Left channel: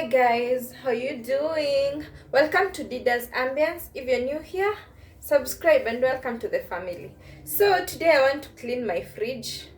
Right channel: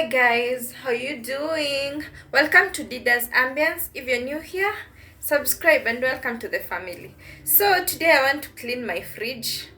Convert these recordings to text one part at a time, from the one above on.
Hi guys, how you doing? Welcome to Dida's Ambience. If you're new here, subscribe and welcome to the family. So today I want to clean my fridge.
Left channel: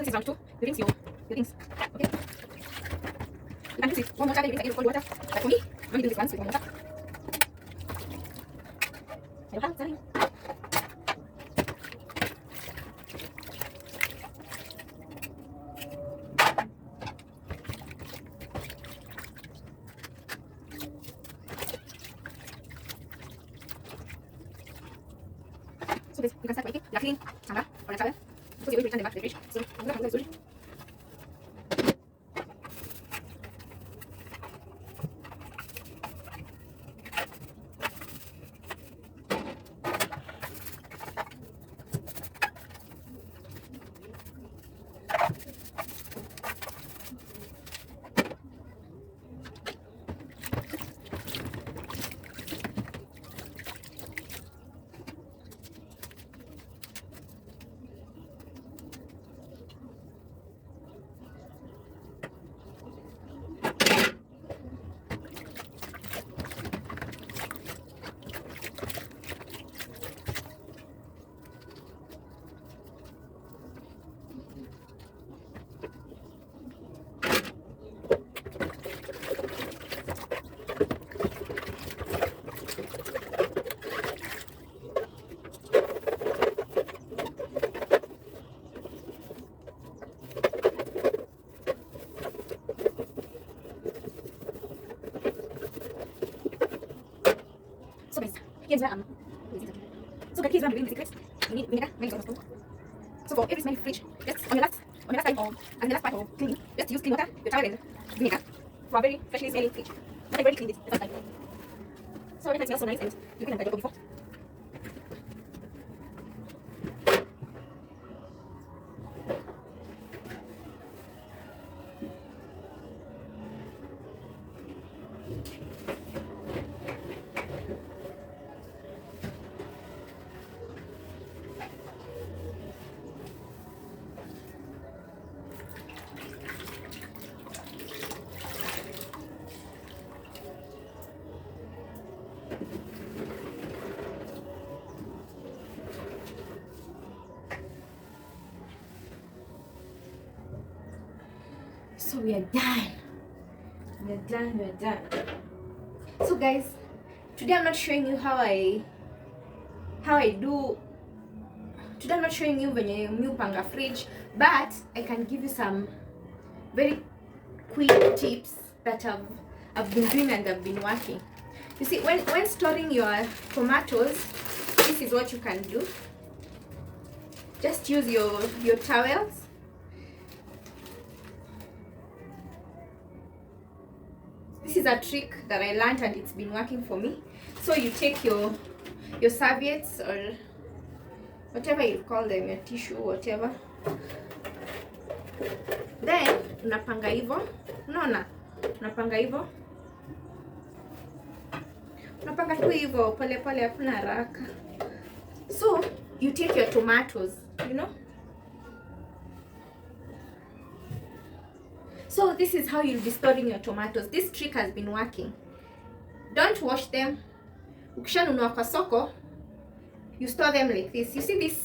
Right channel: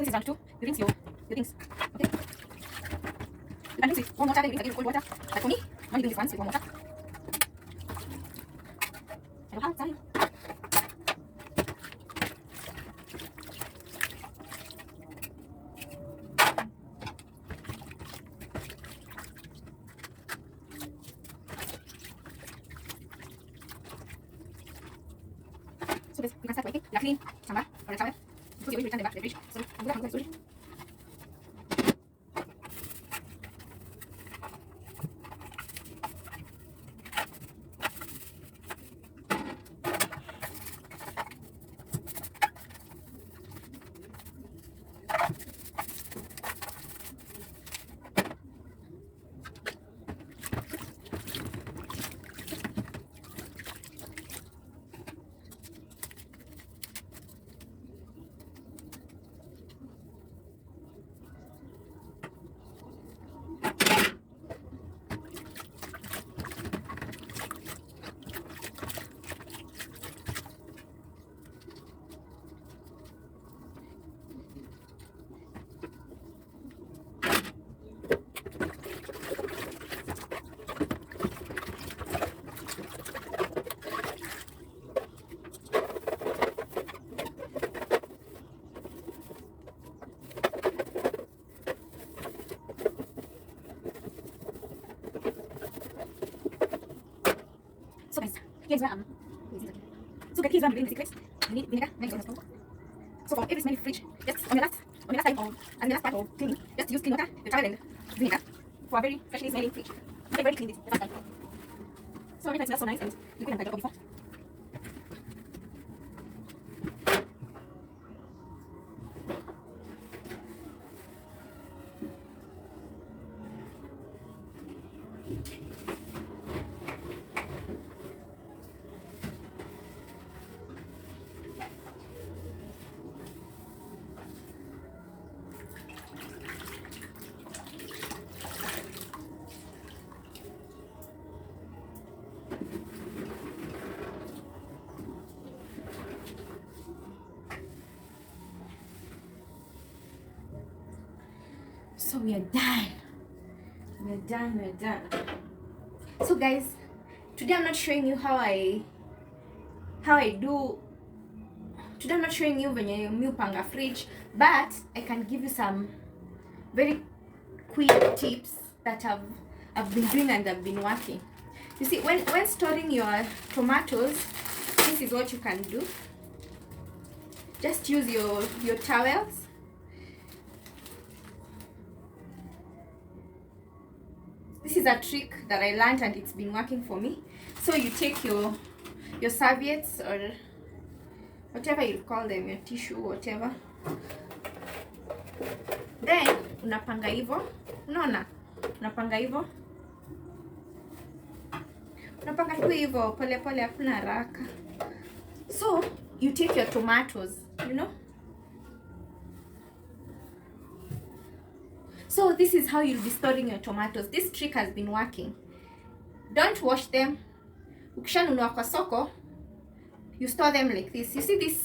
this is round 2. You rinse your things. Okay. You can rinse with warm water, then you rinse again with cold water. But for me, I'm only doing this once with warm water. I don't have time. So guys, you can start wiping your clean tanga or a towel because you're going to return them back to the fridge. So I'm going to slowly. So guys, here's where here's where I'm doing the secrets. You need vinegar, so for every small fridge, just on your last time of and the last part of cleaning, just use clean water, your towel and vinegar for a very freshly smelling fridge. But I've already cleaned this the first time. So already it smells so nice and liquid and I got before. So we are done. We're done. So guys, today I'm not showing you how I do. Today I'm not showing you when you panga fridge, but I can give you some very quick tips that I've been doing and I've been working. You see, when storing your tomatoes, this is what you can do. Just use your towels. This is a trick that I learned and it's been working for me. So you take your serviettes or whatever you call them, your tissue, whatever. Then unapanga hivyo. Unaona? Unapanga hivyo. Unapanga tu hivyo pole pole, hakuna haraka. So you take your tomatoes, you know? So this is how you'll be storing your tomatoes. This trick has been working. Don't wash them. Ukishanunua kwa soko, you store them like this. You see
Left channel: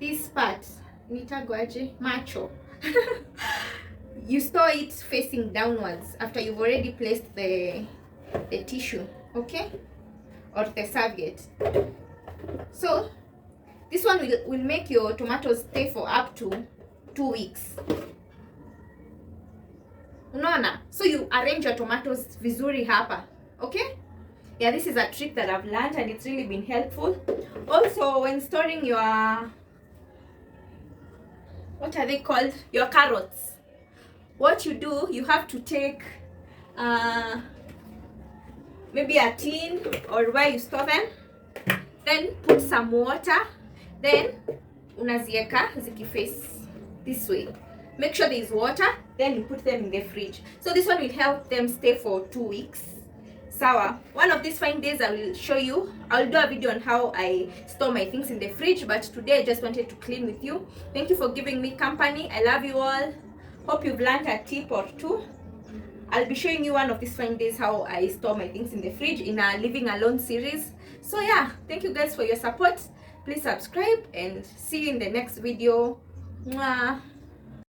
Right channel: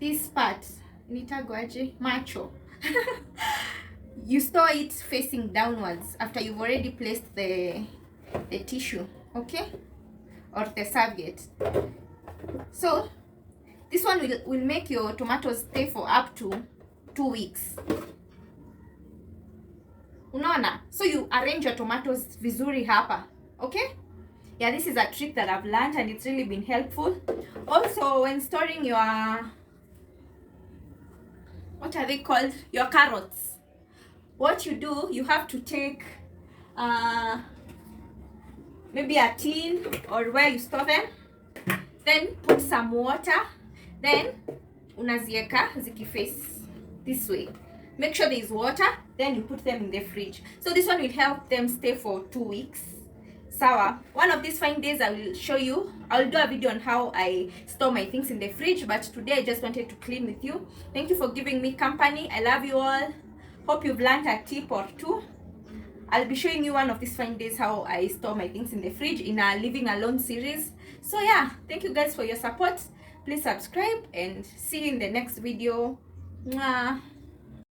this part, nitagwaje macho. You store it facing downwards after you've already placed the tissue, okay? Or the serviette. So this one will make your tomatoes stay for up to 2 weeks. Unaona? So you arrange your tomatoes vizuri hapa, okay? Yeah, this is a trick that I've learned and it's really been helpful. Also, when storing your, what are they called? Your carrots. What you do, you have to take maybe a tin or where you store them. Then put some water. Then unazieka zikiface this way. Make sure there is water, then you put them in the fridge. So this one will help them stay for 2 weeks. Sawa. One of these fine days I will show you. I'll do a video on how I store my things in the fridge, but today I just wanted to clean with you. Thank you for giving me company. I love you all. Hope you've learned a tip or two. I'll be showing you one of these fine days how I store my things in the fridge in a living alone series. So yeah, thank you guys for your support. Please subscribe and see you in the next video. Mwah.